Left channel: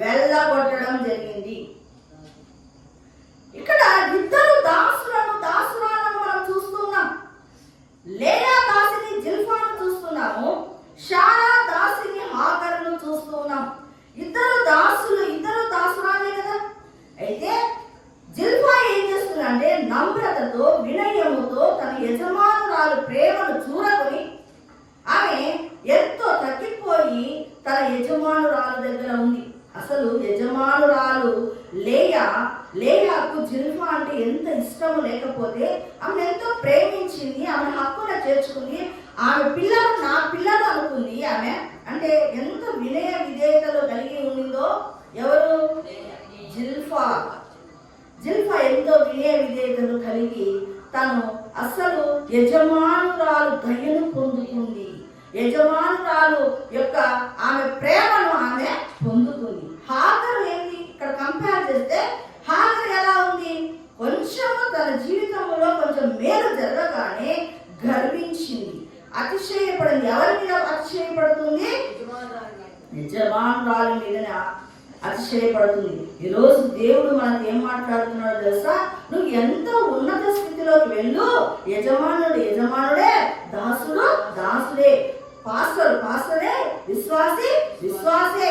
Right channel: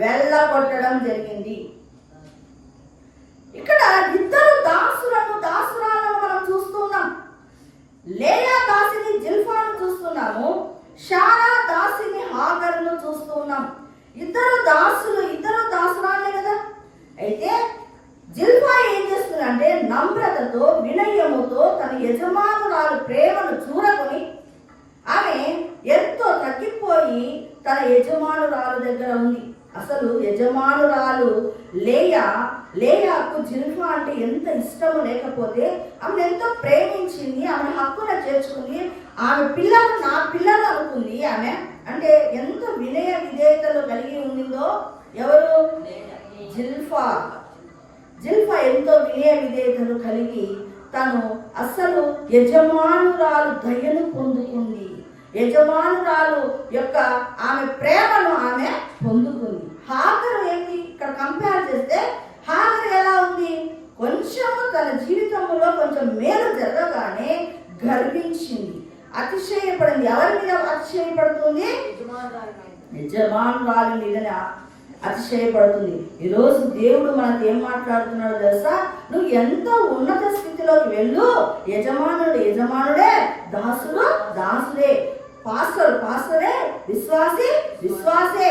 వెళ్ళగొట్టడం జరిగింది. ఇక్కడ ఇద్దరు దాసురాలను మనం చూస్తున్నాం. లేయా దాసిని జిల్పాను చూస్తున్నాము, షారా దాసిని హాగరును చూస్తున్నాం. ఇద్దరు దాసురాలే కదా. అయితే జిల్పా ఏం చేస్తుందంటే నమ్రతతో వినయముతో తన యజమానురాలు ప్రేమను చూరకొని ఆమె ఎంతో తగ్గిపోయి తన యజమానురాలు దగ్గర ఉంది. అసలు యజమానురాలు లేయాకు జిల్పా అంటే ఎంత ఇష్టము లేకపోతే ఆమె ఎంతో ప్రేమించింది, ఆమె హక్కున చేర్చుకుంది, ఆమె పిల్లలు నా పిల్లలు అనుకుంది. ఆమె అంటే ఎంత వినయ విధేయతలు కలిగి ఉండిందో. ఎవరు? జిల్పా ఎంతో వినయ విధేయతలు కలిగి తను అసలు యజమానురాలు దయను పొందుకుంది. యజమానురాలు యొక్క ఆమె ప్రేమను ఆమె పొందుకుంది. హాగరు ఏంటి ఇక్కడ కంపేర్ చేస్తే హాగరు ఎలా ఉంది? కొంచెము తన జీవితంలో కొంచెం మేలు జరగగానే గర్వించింది, అతిశయపడింది. ఎవరి మీద అతిశయపడుతుంది? యజమానురాలు మీదనే అతిశయపడుతుంది. ఈరోజు దేవుడు మనతో ఏం మాట్లాడుతున్నాడో తెలుసా? నువ్వు ఎంత ఉన్నత స్థితిలోకి వెళ్ళు, యజమానుడే, దాసుడే, పాస్టరే, విశ్వాసే.